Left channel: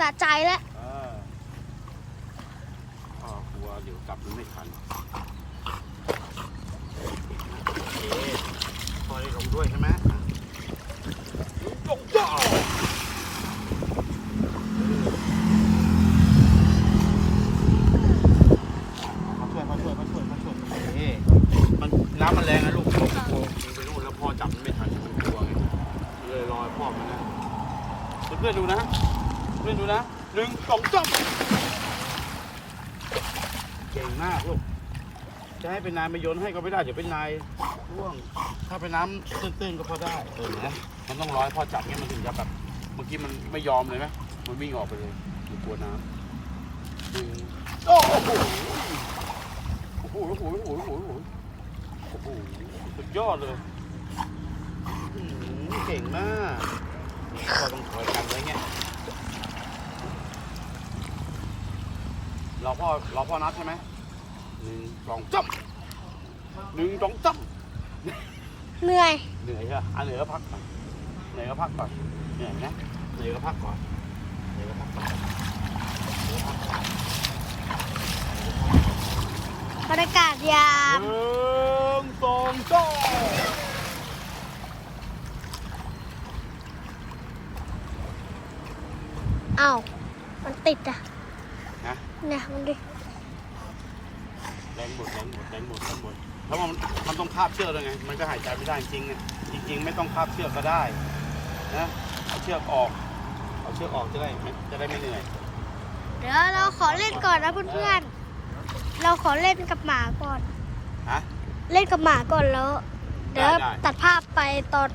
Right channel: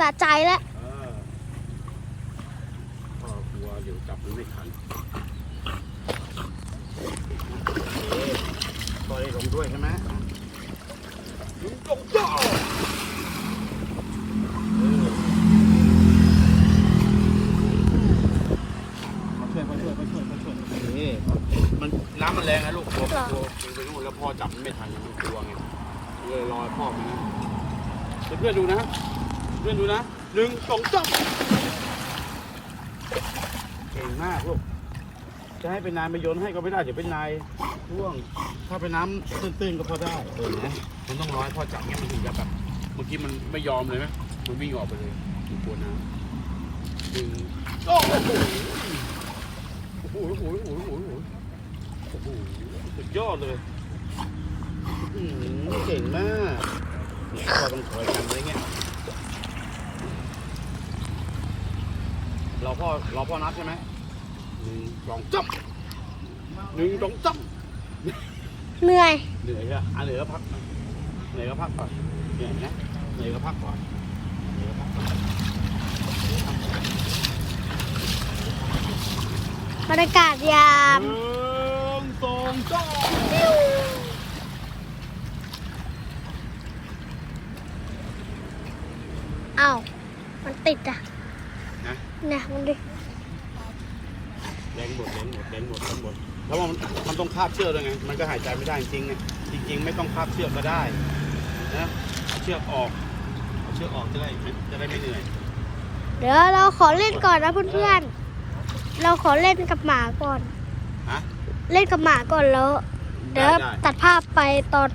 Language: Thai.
สะใจแล้วอ่าพ่อกลัวเดี๋ยวจับมันไม่ทันโอเคปล่อยลงด้วยใช่ไหมลงลงจ้ามาช่วยมาช่วยมาช่วยมาช่วยนี่มันน้ำมันแรงนะลูกกลัวกลัวยิงไปนู่นแล้วพ่อจับมันไม่ทันมันกลัวไงเลยรอให้พ่อมานะเพื่อนๆดูนะ เพื่อนดูนะหนึ่งสองสามเก่งมากลูก จะให้เป็นนายมาโยนให้ก็ไม่ได้ เดี๋ยวเป็นนายร่วง ถ้าเป็นน้ำตื้นๆก็พอได้ เออนะมันต้องร้อยพอจับมันถึงจะแบบเมื่อกี้มันไม่ยอมเลยนะ มันวิ่งออกไปเลยมันกลัวน้ำหนึ่งโอ้โหโอ้โหโอ้โหโอ้โหโอ้โหโอ้โหสุดยอดเลยอื้อหือเก่งมากนี่พ่อต้องคอยกันไว้เนี่ย เรา พ่อเราพ่อนัดใช่ไหมหนึ่งสองจับหนึ่งสองจับเหนื่อยเหนื่อยใช่ไหมอะเหนื่อยก็พักก่อนเหนื่อยก็พักก่อนเหนื่อยนะเหนื่อยก็พักก่อนเหนื่อยก็พักก่อนบรรยากาศยาม หนึ่งสองจับอ้าวมันติดอะ นะเนี่ยมันดิแรงหมดแรงหมดแรงหมดแรงหมดแล้วมันมันต้องคาบเชือกเลยไง มันจะหายใจไม่ได้จริงๆเนี่ยจริงๆไม่ต้องคาบเชือกก็ได้นะเอาเชือกออกเอาเชือกออกจะได้จะได้ไม่เหนื่อย เดี๋ยวเราขอเล่นก่อนนะเพื่อนๆ เราขอเล่นกับหมาก่อน ฮะ เล่นกับหมาก่อนแล้ว เดี๋ยวได้ได้ ตัดภาพไปตอน